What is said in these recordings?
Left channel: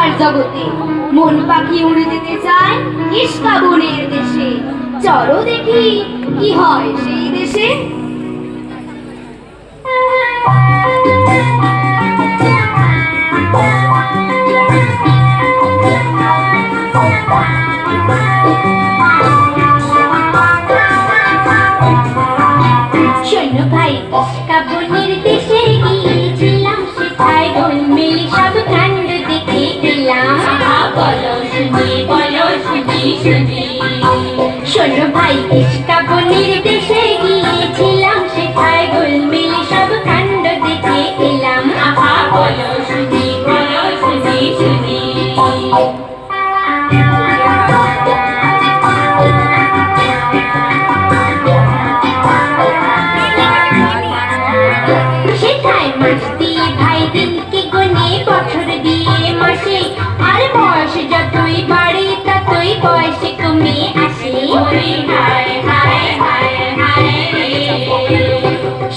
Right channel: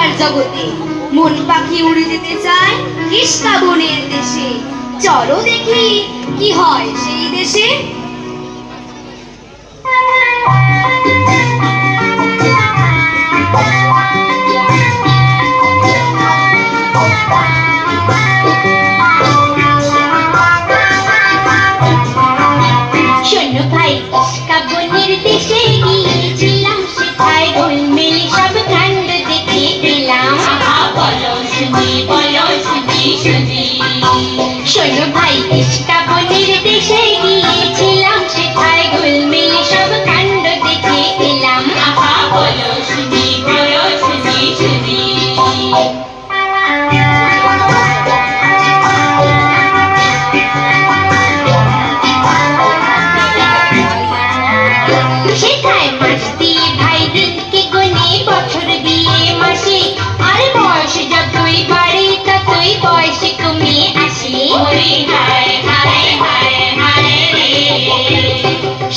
কল্পনার জগতে মন পাখি উড়ে যেতে চায় কিষ্কা বনের দেশে। চলো দেখি কি হয় সেই দেশে। শোনো ভাই, কিষ্কা বনের দেশে গিয়েছিলাম, সেথায় গোলমেলে সব কাণ্ড দেখে এলাম। বলো শুনি, বলো শুনি শুনি। শোনো ভাই, কিষ্কা বনের দেশে গিয়েছিলাম, সেথায় গোলমেলে সব কাণ্ড দেখে এলাম। বলো শুনি, বলো শুনি শুনি। সেথায় মাস দিয়ে ভাই দিনকে গুনে, বছর দিয়ে মাসে, আর বয়স যতই বাড়ে ততই বয়সে কমে আসে।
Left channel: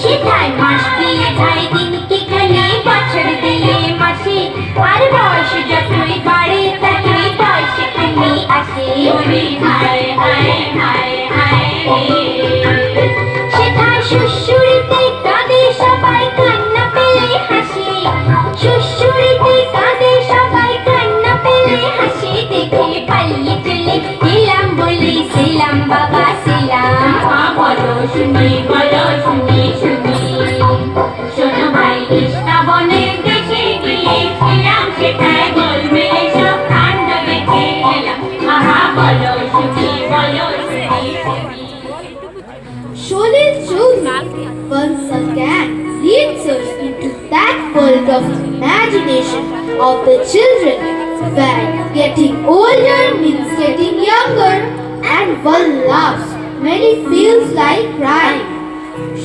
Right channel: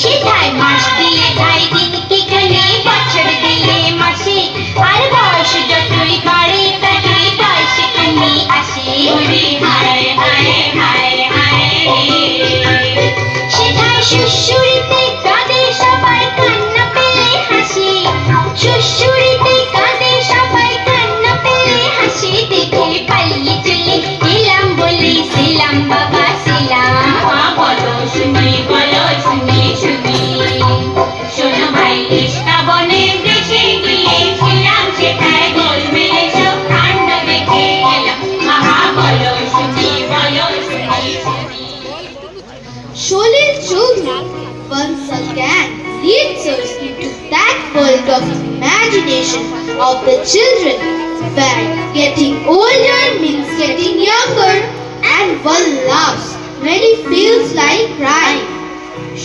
সেথায় মাস দিয়ে ভাই দিনকে গুনে, বছর দিয়ে মাসে, আর বয়স যতই বাড়ে ততই বয়সে কমে আসে। সেথায় সুশুরিতে কাঁদে সবাই, কান্না পেলে হাসে। সুশুরিতে কাঁদে সবাই, কান্না পেলে হাসে। দেখে পালিয়ে চলে এলাম, বলেছিলাম বাবা ছিলাম। বলো শুনি, বলো শুনি শুনি। শোনো ভাই, কিষ্কা বনের দেশে গিয়েছিলাম, সেটায় গোলমেলে সব কাণ্ড দেখে এলাম। বলো শুনি, বলো শুনি শুনি। Sholil Choudhury once again leads us into that world of imagination of the children, where getting older means getting younger, and one laughs when he feels like crying.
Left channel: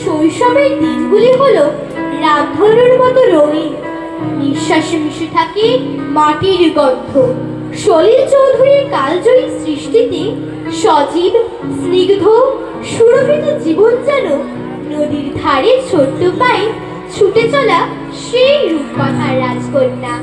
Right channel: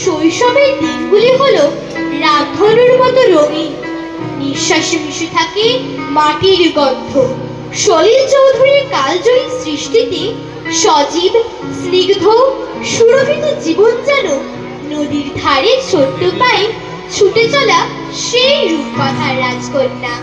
শৈশবের দিনগুলি হলো রামধনুর মতো রঙিন, নিঃশ্বাসে মিশে থাকে মাটির গন্ধ। সলিল চৌধুরীর কালজয়ী সৃষ্টিতে সজীব, স্নিগ্ধ, সুরভিত জীবন যেন নদীর ধারে ছোট্ট পায়ে ছুটে চলা সেই রূপকথার রাজকন্যা।